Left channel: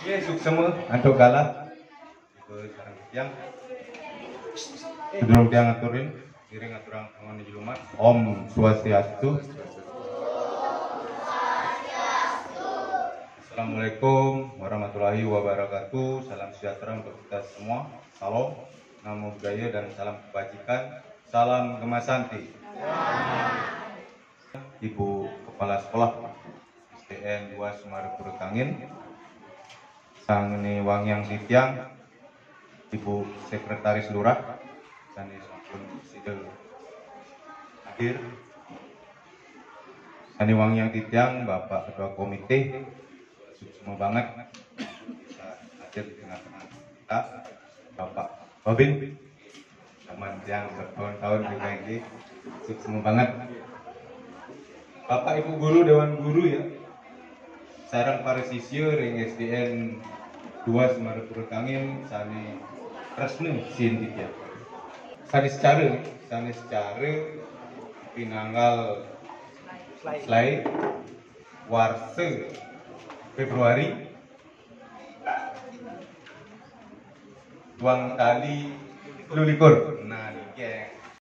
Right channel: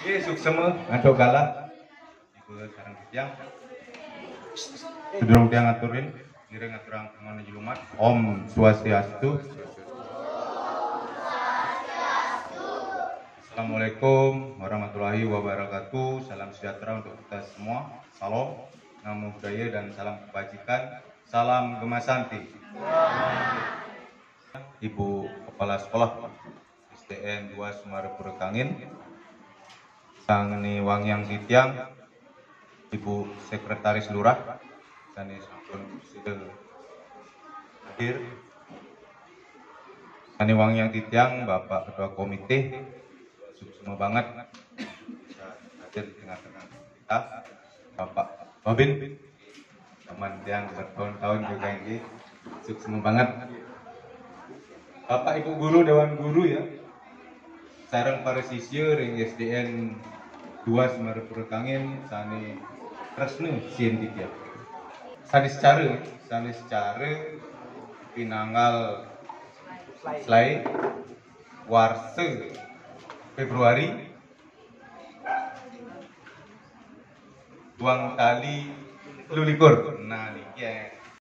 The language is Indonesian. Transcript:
Oke, suksema antuk galah. Ibu sareng tiang. Sedulur tiang aturin, kira ngaturang pengen jelumat. Om Swastiastu. Assalamualaikum warahmatullahi wabarakatuh. Salam sejahtera untuk kita semua. Salam, namo budaya dan salam kebajikan. Salam Gemasanti. Ibu Kepala Sekolah SDN 2 Semarepuro Kangin. Sang ini Wangyang Titiang, Ibu Sekretaris Lurah, Sani Sampun Sidel hadir. Sani Wangyang Titiang, Bapak Ketua Komite, semua banget bisa hadir di tengah-tengah kita, Bapak Robin, teman yang bertahun-tahun juga ini, semua banget. Bapak Ibu Guru, Dewan Guru ya, sarang para siswa ring SDN 2 Semarepuro Kangin, Sani Resnu Sin Titiang. Sani secara pinanggal Slay Warse Februari Tuang kali lulikur. Nah, ini